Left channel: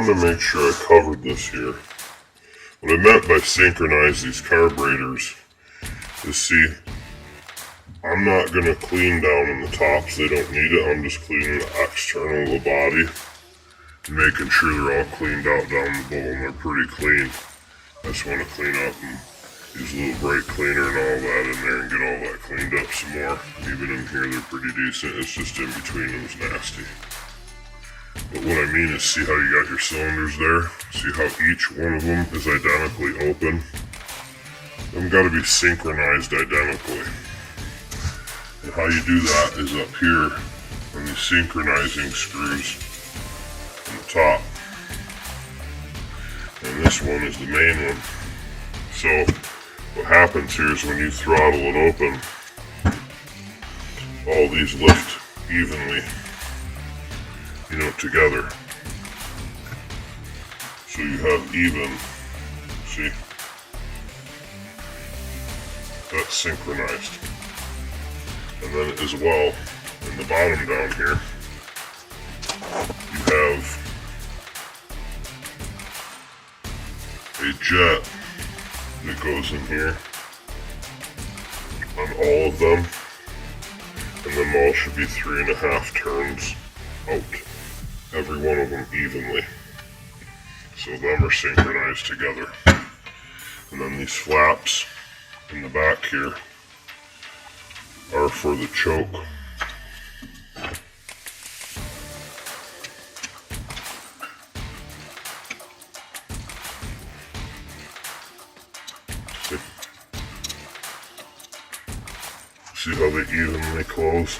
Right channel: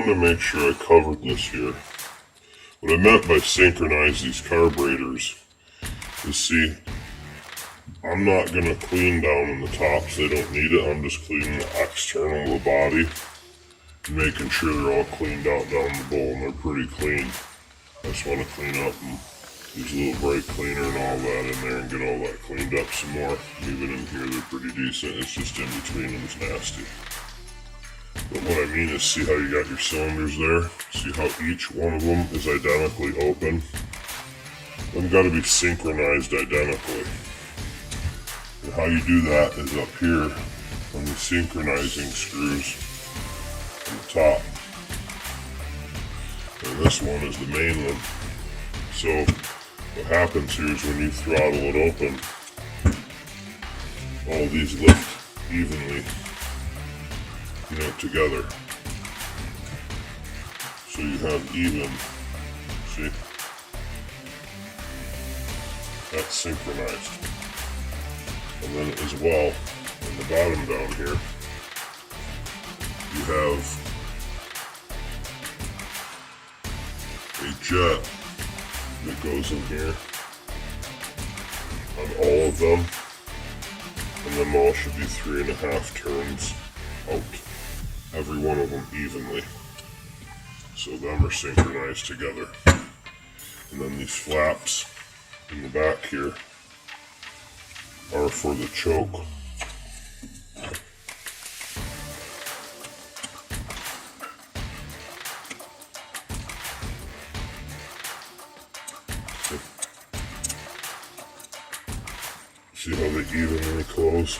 wanted to make sure I covered this here. What I meant by synchronize these carburetors is, see, I'm not going to clean down in the tops, they don't need it. I'm just cleaning the external of the body and making sure they're all cleaned out down the bowl, and they're pretty clean. I just want to clean up and use a little brake cleaner and all that in there and get all that cleaned up some more. Even in here they're pretty decent, it's just in between them's nasty. But what I mean is, see how you got your cylinders there? See how each one of them is identically open? They've got to be synchronized identically. And how you do that is up here on these synchronizing screws on the top. And this one is the main one. So what happens here is when you throttle it open, all these lift evenly, together. So you have even, see, that's synchronized. And then as well, at the bottom down here, you have a jet that goes in here on all of them, and them all should be 3.5 turns out, every one of them evenly. So them are synchronized together. And then these flaps in the back here are for the choke. See how they evenly close?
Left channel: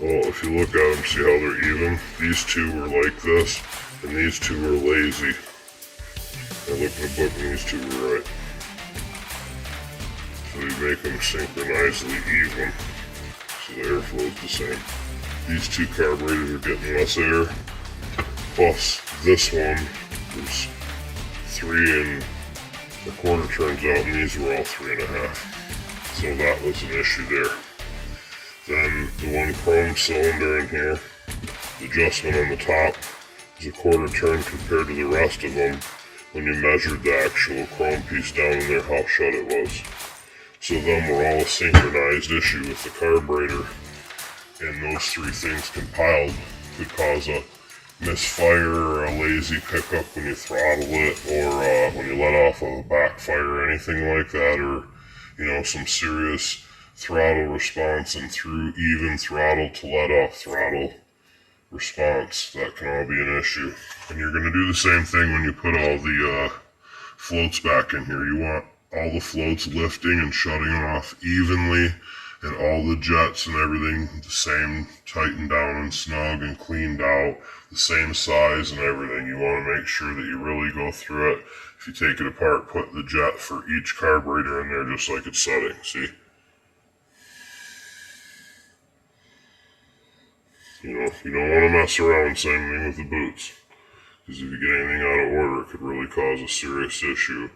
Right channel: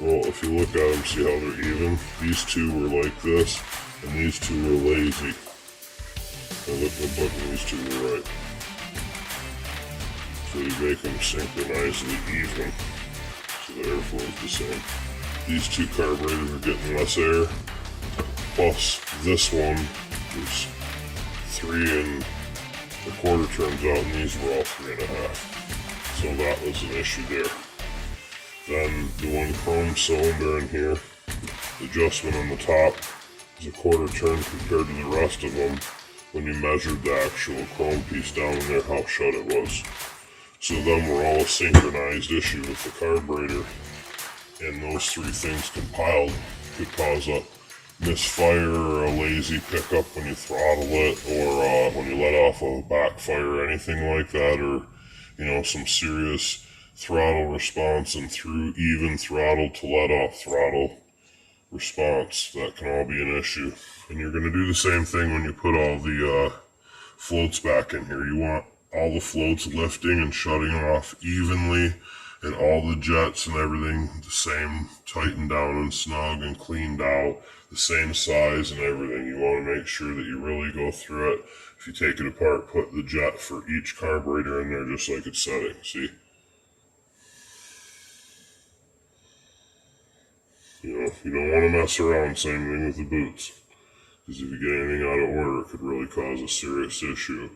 Well, if you look at them, see how they're even? These two were like this, and these two were lazy. And look in the book, and these two were right. So they make them synchronizedly even, so the airflow is the same. These two carburetors are getting less air, plus this one was 3.25 turns out, and these were all 3.5. So that was an issue there. Then the one chrome cylinder in here, the adjustment on the top is 1/4 turn compared to the rest of them when you measured the actual chrome piece down in there, how shut it was. So them were all a synchronized issue with the carburetor, and those three things compiled could cause a misfire or a lazy pickup when you throttle it, or when you let off a backfire or anything like that, or some serious throttle response and through even throttle to let off throttle response. That can all be an issue. And you're going to do the same thing when you put all the floats back in here. You want all the floats lifting and shutting off evenly, and all the jets and everything the same, tightened down and snug and cleaned out, the same size and everything. You want to make sure that you really go through it. If you take it apart, put the jet for each carburetor in there just like it's setting, see? You don't want to mess around, same thing with the boots. Because if you get anything out of order, it could really cause a serious issue.